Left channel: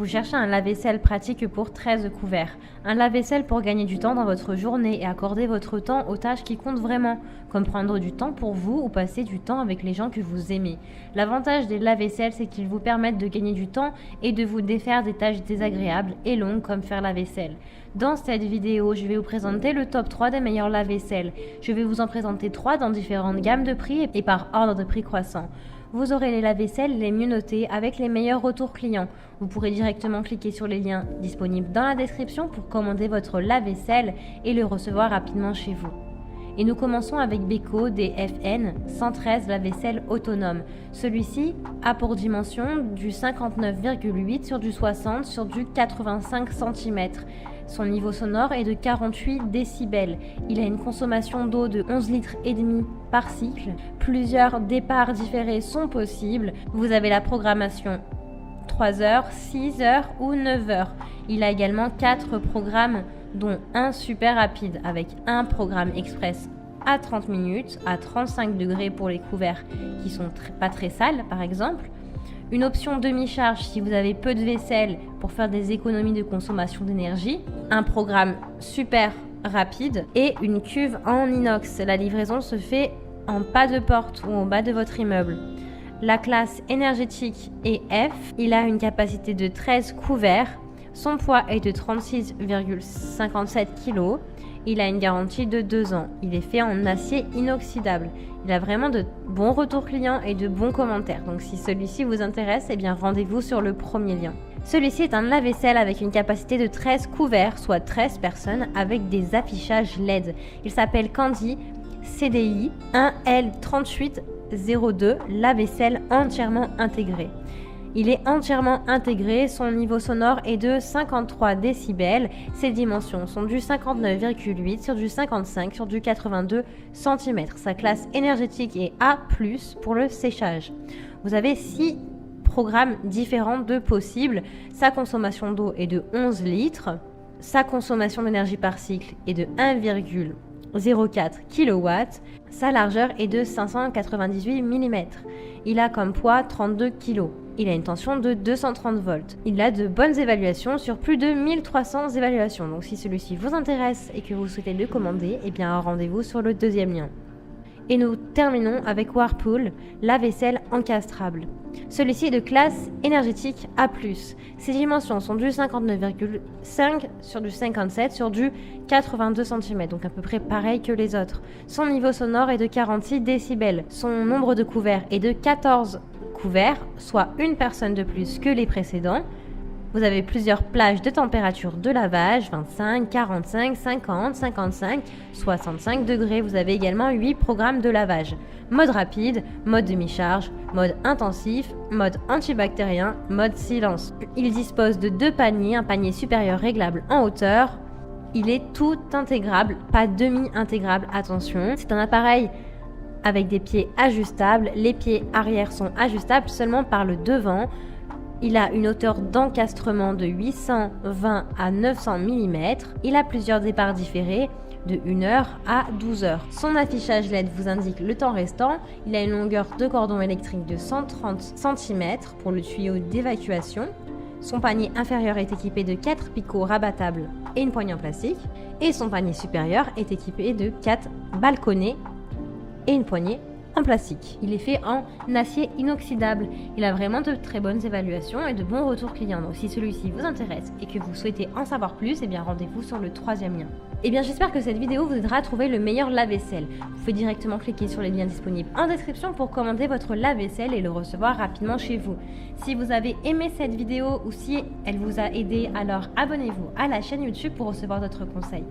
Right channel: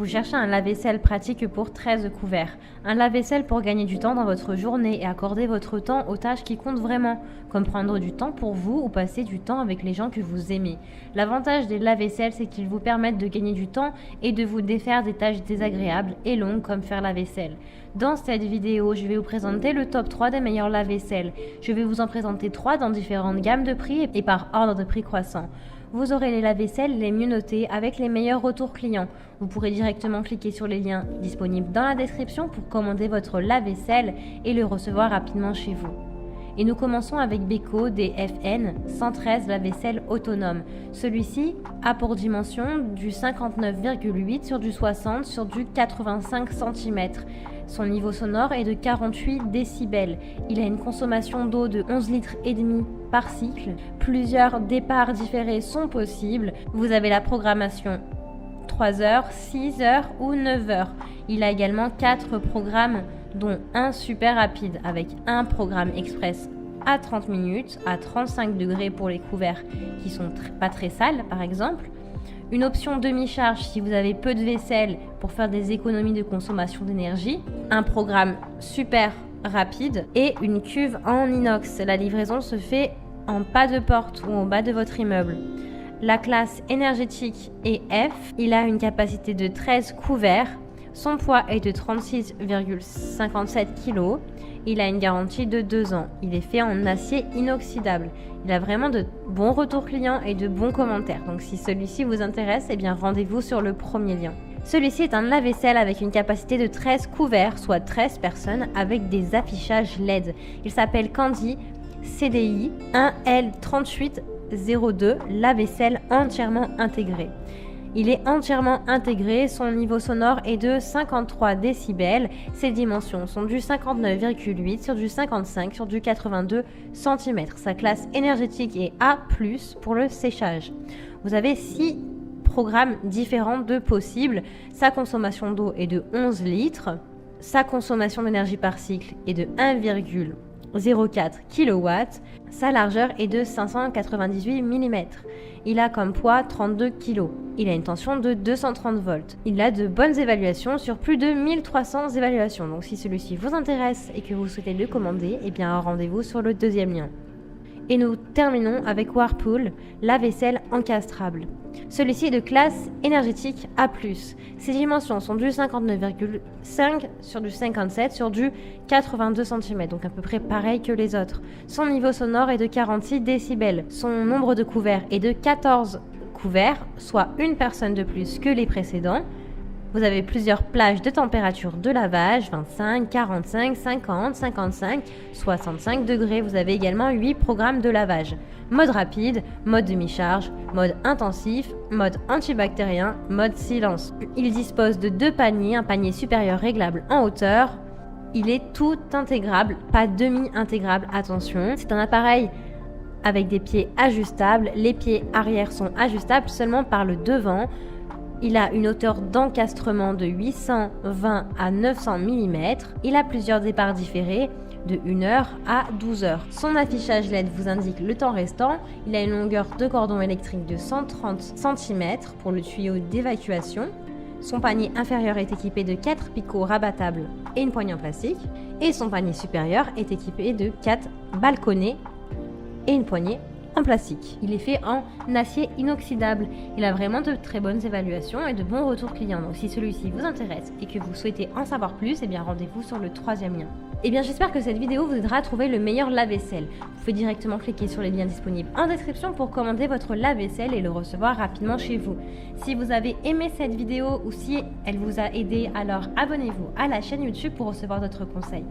Vous cherchez un lave-vaisselle pratique pour 13 couverts. Un lave-vaisselle pour gagner du temps dans votre journée et accorder votre temps aux tâches qui comptent vraiment, comme prendre du temps pour vous ou passer du temps avec les gens que vous aimez. L'avantage des lave-vaisselle, c'est qu'ils vous permettent de gagner du temps et de vous défaire des tâches désagréables et longues comme faire la vaisselle. Dans cette vidéo, je vais vous présenter le top 3 des meilleurs lave-vaisselle. Je vais vous en présenter 3 dans différentes gammes de prix et par ordre de prix croissant. Vous aurez les lave-vaisselle les mieux notés avec les meilleurs retours clients. Vous pourrez directement cliquer sur les liens disponibles dans la description pour commander votre lave-vaisselle et le recevoir rapidement chez vous. Et nous commençons avec Beko DFN 113 lave-vaisselle autonome. Celui-ci a pour dimension du 59,8 sur du 60 sur du 85 cm. Son niveau sonore est de 48 décibels. Il a une consommation d'eau de 11 litres et demi par cycle. Plusieurs départs différés sont possibles. Vous avez la programmation 3 heures, 6 heures ou 9 heures. Il a également 4 programmes dont un super rapide avec un programme express à 30 minutes, à 35 degrés pour les couverts qui sont pas très sales par exemple. Une option demi-charge si vous avez peu de vaisselle pour faire des économies de consommation d'énergie. Un programme super rapide et une cuve en inox. La livraison se fait en pas de porte ou en bas de votre immeuble. La classe énergétique est F. Il a une capacité de 13 couverts. Son poids est de 36,57 kg. Il a une garantie de 2 ans. Il est fait en acier inoxydable. Il a vraiment de bons retours clients et de bons commentaires. Donc si celui-ci vous intéresse, eh bien rendez-vous sur le premier lien. Celui-ci est un lave-vaisselle avec une capacité de 13 couverts, soit 13 personnes, avec des affichages LED. Il s'appelle Candy CDI 1L3802, lave-vaisselle entièrement intégré. Il est entièrement intégré, son niveau sonore est de 53 décibels. Ses dimensions sont du 59,8 sur du 55 sur du 82 cm. Sa classe énergétique est A+, pour le séchage. Vous avez 6 programmes différents de possibles. Sa consommation d'eau est de 11 litres. Sa consommation d'énergie par cycle est de 1,04 kW. Sa largeur est de 598 mm. Il a comme poids 32 kg. Il a une tension de 230 volts. Il a de bonnes évaluations sur plus de 1300 évaluations. Donc si celui-ci vous intéresse et que vous souhaitez le commander, eh bien rendez-vous sur le deuxième lien. Et nous terminons avec Whirlpool, lave-vaisselle encastrable. Celui-ci est de classe énergétique A+. Ses dimensions sont du 59,5 sur du 57 sur du 82 cm, donc à peu près pareil que les autres. Son niveau sonore est de 46 décibels. Son nombre de couverts est de 14 couverts, soit une personne de plus que les précédents. Vous avez plusieurs plages de température de lavage, 25, 45, 50, 55, 65 degrés. Vous avez également 8 programmes de lavage. Mode rapide, mode demi-charge, mode intensif, mode antibactérien, mode silence. Il dispose de 2 paniers, un panier supérieur réglable en hauteur. Il est tout intégrable, pas demi-intégrable, attention. C'est un appareil avec des pieds ajustables. Les pieds arrière sont ajustables seulement par le devant. Il a une hauteur d'encastrement de 820 à 900 mm. Il a plusieurs départs différés de 1 heure à 12 heures. Son affichage LED vous indique le temps restant. Il a une longueur de cordon électrique de 130 cm pour le tuyau d'évacuation. Son panier inférieur est équipé de 4 picots rabattables et une poignée en plastique. Et son panier supérieur est équipé de 4 balconnets et une poignée en plastique. Il est fait en acier inoxydable. Il a vraiment de très bonnes évaluations et de bons retours clients. Donc si celui-ci vous intéresse et que vous souhaitez en savoir plus, eh bien rendez-vous sur le troisième lien. Eh bien j'espère que cette vidéo vous aidera à trouver le meilleur lave-vaisselle. Vous pouvez directement cliquer sur les liens disponibles en description pour commander votre lave-vaisselle et le recevoir rapidement chez vous. Si vous avez aimé cette vidéo ou si elle vous a aidé, alors abonnez-vous à la chaîne YouTube pour recevoir d'autres conseils.